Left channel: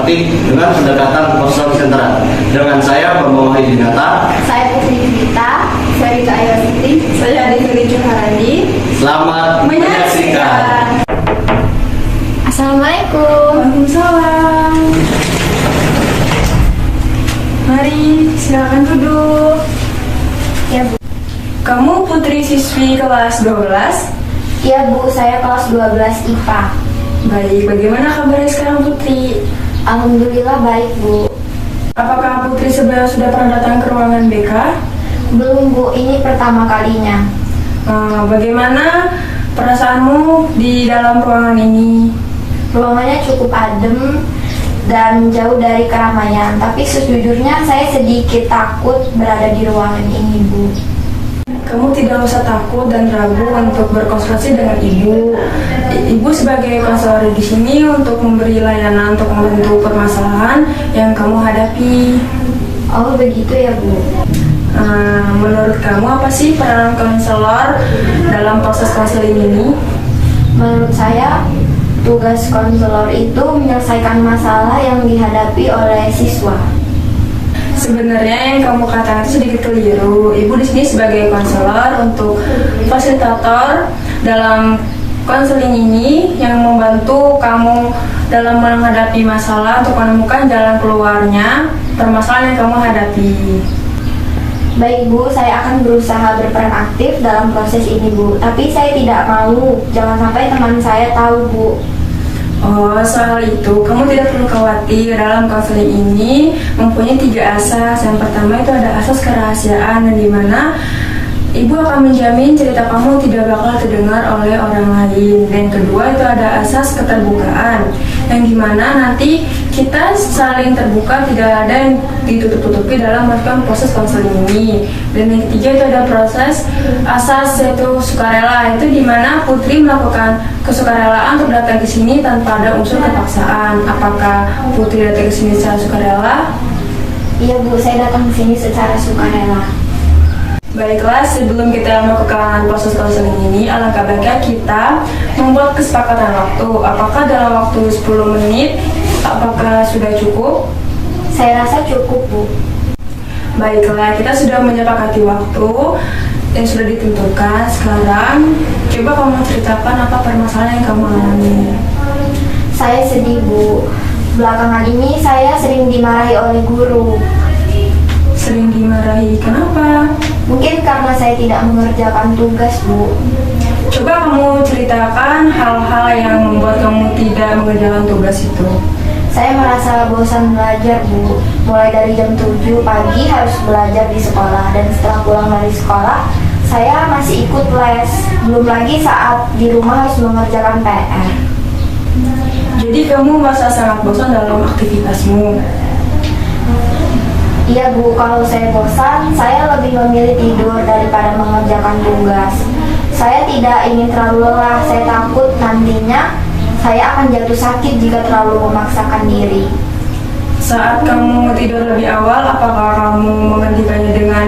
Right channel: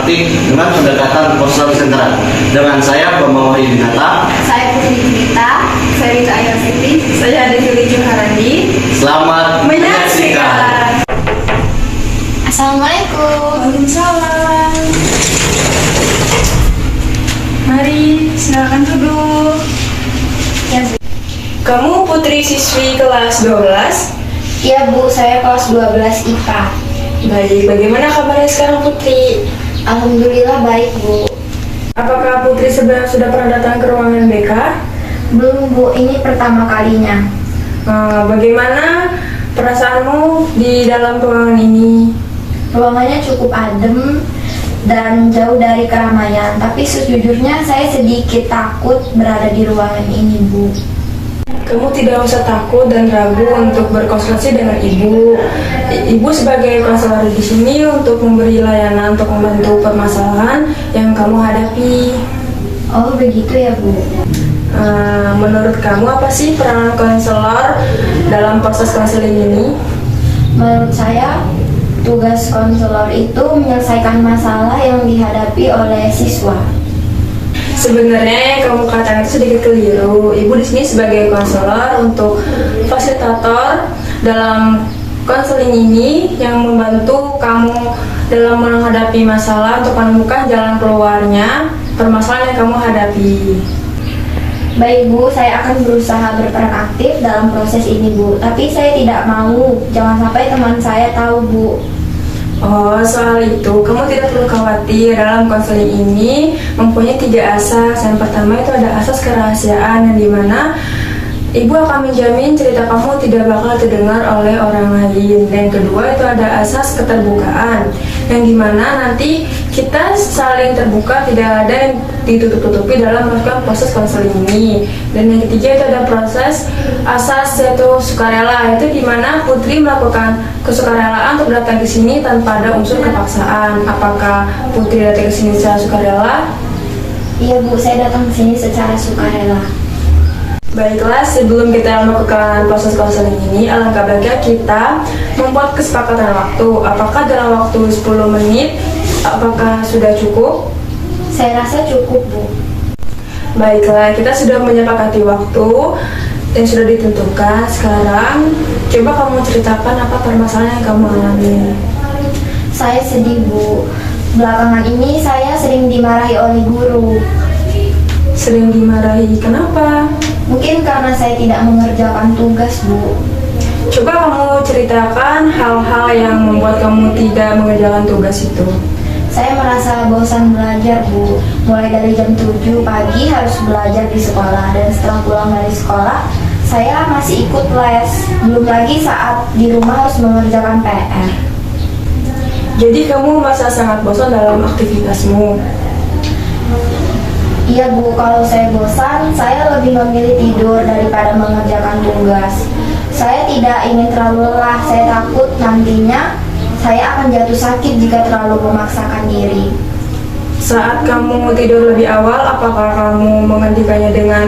matematik dengan pendekatan konsentrasi. Dengan saya Bambang Wahyu Dinata. Saya Putri Dinita. Saya Rita Ayositi. Saya Devi Joharani. Selamat menyaksikan. Assalamualaikum. Waalaikumsalam. Mari, silakan duduk. Ya Bu. Kamu putri siswi kelas 12? Iya Bu, saya kelas 12 IPA. Baik, bagaimana kabarnya sekarang Putri? Alhamdulillah baik Bu. Apakah Putri sebenarnya sudah pernah datang ke ruangan BK? Belum Bu, ini pertama kalinya. Bagaimana perasaanmu di dalam ruangan ini? Ruangannya cukup adem dan jauh dari keramaian. Tapi sejujurnya saya sedikit takut berada di ruangan ini Bu. Kamu tidak usah takut dan ragu untuk berkonsultasi dengan ibu. Ibu sebagai konselor di sini untuk memberi layanan untuk membantu permasalahan yang kamu hadapi. Oh begitu ya Bu. Menurut kamu apa sih peranan konselor dalam proses konseling ini? Menurut saya, tugas konselor itu menyelesaikan masalah yang dihadapi oleh siswa. Sebenarnya yang kamu katakan itu sedikit keliru. Ibu di sini sebagai konselor untuk fasilitator dalam konseling ini yang membantu kamu dalam menghadapi masalah untuk menemukan jalan keluarnya permasalahan yang kamu hadapi. Baik Bu, saya akan berusaha berperan aktif dalam proses ini Bu. Tapi saya tidak mau, jangan sampai teman saya tahu Bu. Oh, soal itu kamu tidak perlu khawatir. Dalam konseling ini mempunyai 3 asas. Yang pertama itu ada asas kerahasiaan, yang dimana ibu akan menjamin cerita kamu tidak bakal terdengar oleh orang lain. Dan kedua itu ada asas keterbukaan, yang dimana nanti kita saling terbuka, tidak ada yang ditutup-tutupi dalam melakukan proses konseling ini. Dan yang ketiga itu ada proses asas yaitu sukarela, yaitu dimana Putri melakukan kesukarelaan untuk datang ke sini tanpa ada unsur kepaksaan. Apakah Putri datang ke sini secara sukarela? Iya Bu, saya datang ke sini secara sukarela. Baiklah, sebelum kita melakukan proses konseling ini, alangkah baiknya kita membuat kesepakatan waktu. Apakah dalam waktu 10 menit, apakah sudah cukup? Saya rasa cukup Bu. Baiklah, kita sudah menyepakati waktu yang sudah ditentukan. Sekarang, coba kamu ceritakan apa permasalahan yang kamu alami. Saya sedih Bu. Belakangan ini saya sering dimarahi oleh guru. Sering dimarahi, kenapa? Mungkin karena saya tidak mengerjakan tugas Bu. Coba kamu ceritakan hal-hal yang membuat kamu tidak mengerjakan tugas itu. Saya merasa bosan belajar Bu. Mulai dari jam 7 pagi harus belajar di sekolah. Dan setelah pulang dari sekolah, saya masih ikut les. Belum lagi saat di rumah harus mengerjakan PR. Jadi kamu merasa sangat bosan dalam aktivitasmu. Iya Bu, kalau saya bosan, saya lebih memilih tidur daripada mengerjakan tugas. Saya tidak ingin terlalu lelah. Saya takut nantinya saya akan jatuh sakit jika terlalu memaksakan diri. Saat kamu tidur lebih awal, apakah kamu menghentikannya dengan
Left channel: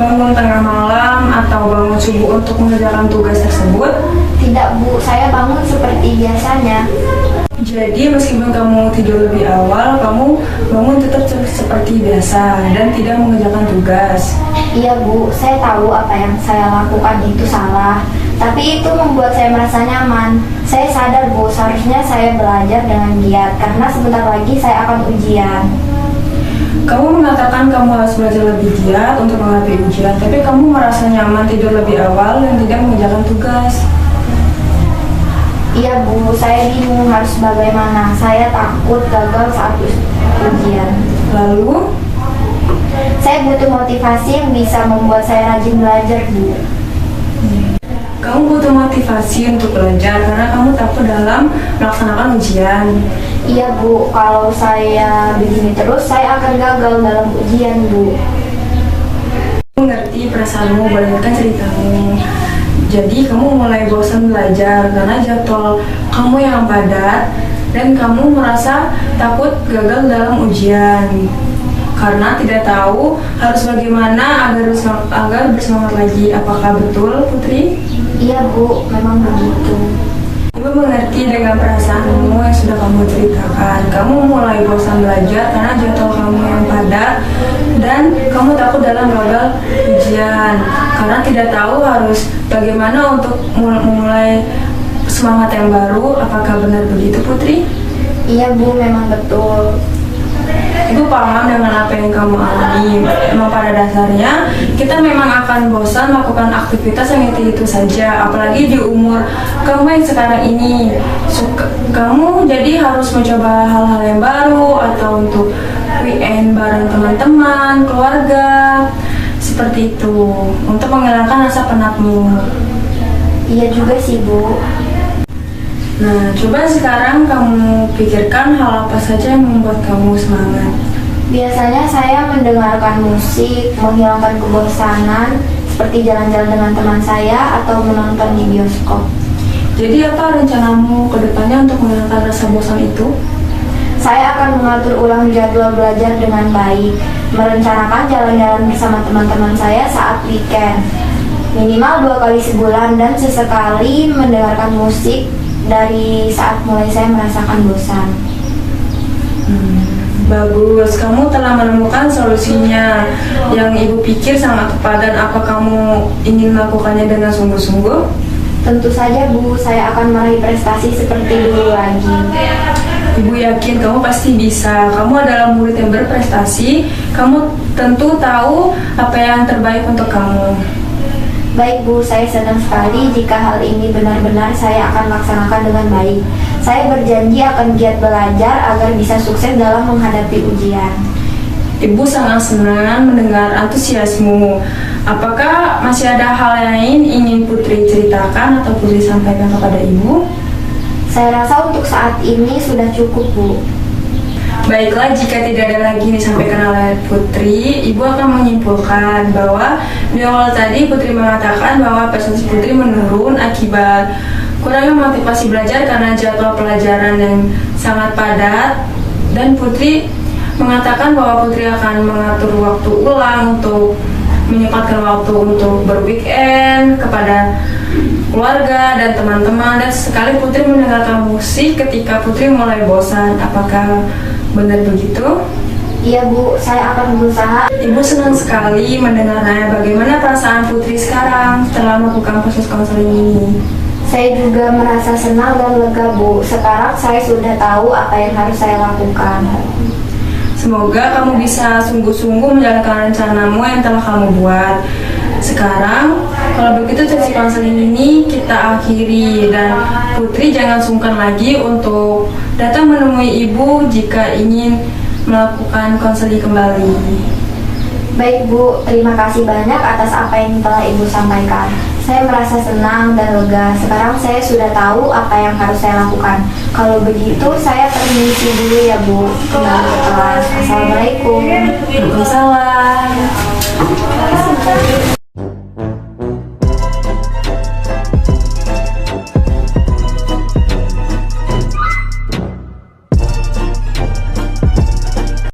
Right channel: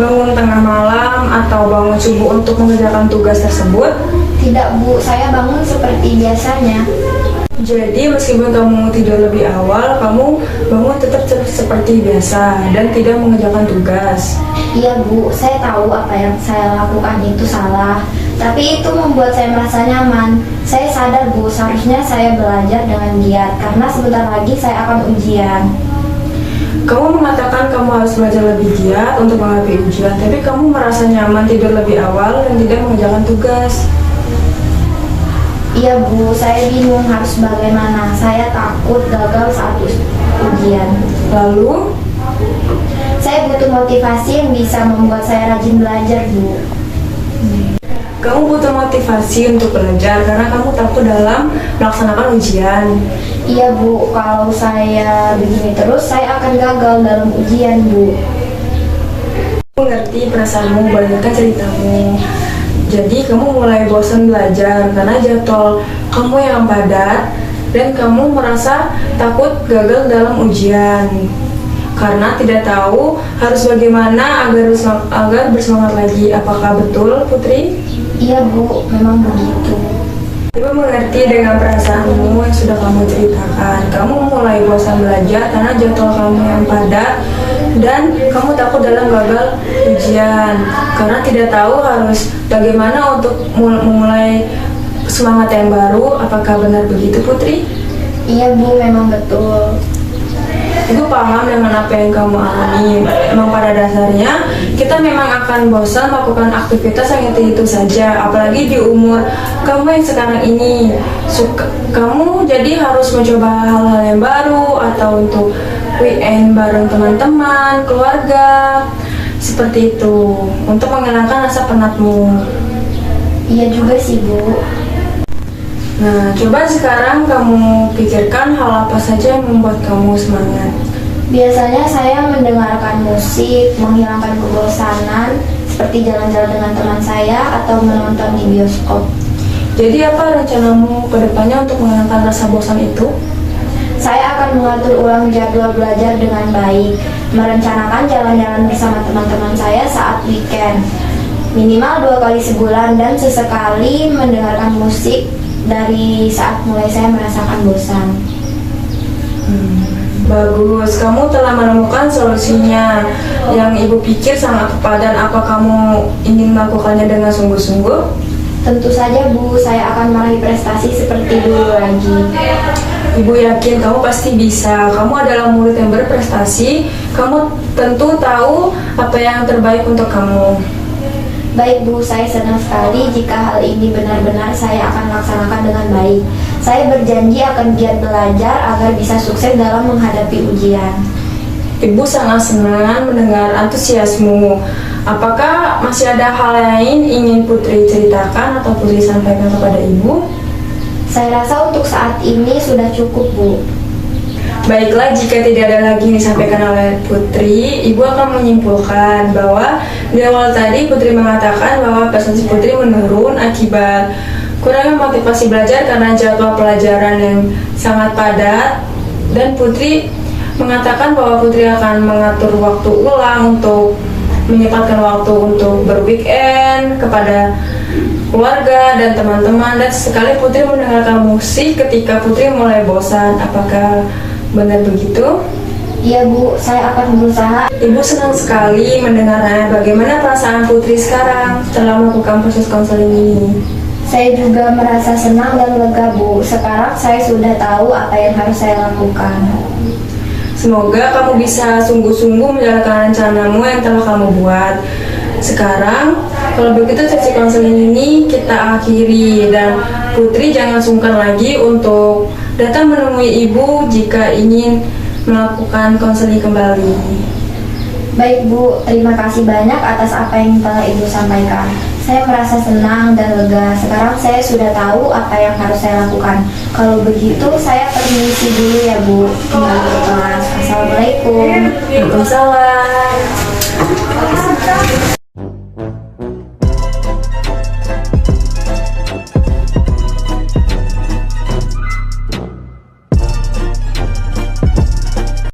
bangun tengah malam atau bangun subuh untuk mengerjakan tugas tersebut? Tidak Bu, saya bangun seperti biasanya. Jadi meskipun kamu tidur lebih awal, kamu bangun tetap seperti biasa dan tidak mengerjakan tugas. Iya Bu, saya tahu apa yang saya lakukan itu salah. Tapi itu membuat saya merasa nyaman. Saya sadar Bu, seharusnya saya belajar dengan giat karena sebentar lagi saya akan ujian. Kamu mengatakan kamu harus belajar lebih giat untuk menghadapi ujian, tapi kamu merasa nyaman tidur lebih awal dan tidak mengerjakan tugas. Iya Bu, saya bingung harus bagaimana. Saya takut gagal saat ujian. Lalu, saya butuh motivasi yang bisa membuat saya rajin belajar Bu. kamu butuh motivasi untuk belajar karena kamu takut dalam melaksanakan ujian. Iya Bu, kalau saya begini terus saya akan gagal dalam ujian Bu. Aku ngerti perasaanmu, banyakkan ceritamu. Jadi kamu mulai bosan belajar karena jadwal kamu yang padat dan kamu merasa takut gagal dalam ujian karena tidak tahu harus bagaimana agar bersemangat lagi. Apakah betul Putri? Iya Bu, memang begitu. Ibu mengerti dengan perasaanmu yang sudah kamu ceritakan. Kamu mulai bosan belajar karena jadwal kamu yang padat dan kamu takut dalam gagal ujian karena tidak tahu harus bagaimana untuk memulai semangat yang baru. Apakah benar begitu, Putri? Iya Bu, memang betul. Ibu paham dengan apa yang kamu alami. Memang pada dasarnya kita memang akan bosan melakukan aktivitas yang itu saja. Apalagi di umur kamu yang sekarang ini. Kamu jadi harus mencoba hal-hal yang baru atau untuk weekend bareng teman-teman, keluarga. Seperti itu. Untuk menghilangkan rasa penatmu. Iya juga sih Bu. Nah, coba sekarang kamu pikirkan hal apa saja yang membuat kamu semangat. Biasanya saya mendengarkan musik, menghilangkan kebosanan, seperti jalan-jalan dengan teman saya atau menonton di bioskop. Jadi apa rencanamu ke depannya untuk menghilangkan rasa bosan itu? Saya akan mengatur ulang jadwal belajar dengan baik, merencanakan jalan-jalan bersama teman-teman saya saat weekend, minimal 2 kali sebulan, dan sesekali mendengarkan musik dari saat mulai saya merasakan bosan. Bagus, kamu telah menemukan solusinya yang ibu pikir sangat tepat. Dan apa kamu ingin melakukannya dengan sungguh-sungguh? Tentu saja Bu, saya akan meraih prestasi seperti dulu lagi. Ibu yakin kamu pasti bisa. Kamu adalah murid yang berprestasi. Kamu tentu tahu apa yang terbaik untuk kamu. Baik Bu, saya senang sekali jika hal ini benar-benar saya akan laksanakan dengan baik. Saya berjanji akan giat belajar agar bisa sukses dalam menghadapi ujian. Ibu sangat senang mendengar antusiasmu. Apakah masih ada hal lain ingin Putri ceritakan atau Putri sampaikan kepada Ibu? Saya rasa untuk saat ini sudah cukup Bu. Baiklah, jika tidak ada lagi yang disampaikan oleh Putri, Ibu akan menyimpulkan bahwa di awal tadi Putri mengatakan bahwa prestasi Putri menurun akibat kurangnya motivasi belajar karena jadwal pelajaran yang sangat padat. Dan Putri mengatakan bahwa Putri akan mengatur waktu ulang untuk menyempatkan waktu untuk berweekend kepada keluarga dan teman-teman. Dan sekali Putri mendengarkan musik ketika Putri mulai bosan. Apakah benar begitu? Iya Bu, saya akan berusaha. Ibu senang sekali mendengarnya. Bagaimana perasaan Putri sekarang setelah melakukan proses konseling ini? Saya juga merasa senang dan lega Bu. Sekarang saya sudah tahu apa yang harus saya lakukan. Semoga kamu bisa sungguh-sungguh menjalankan rencanamu yang telah kamu buat. Sekarang, kalau begitu sesi konseling ini kita akhiri. Dan Putri jangan sungkan lagi untuk datang menemui Ibu jika ingin melakukan konseling kembali. Baik Bu, terima kasih banyak atas apa yang telah Ibu sampaikan. Saya merasa senang dan lega. Sekarang saya sudah tahu apa yang harus saya lakukan. Kalau begitu saya permisi dulu ya Bu. Kembali ke kelas. Assalamualaikum. Waalaikumsalam.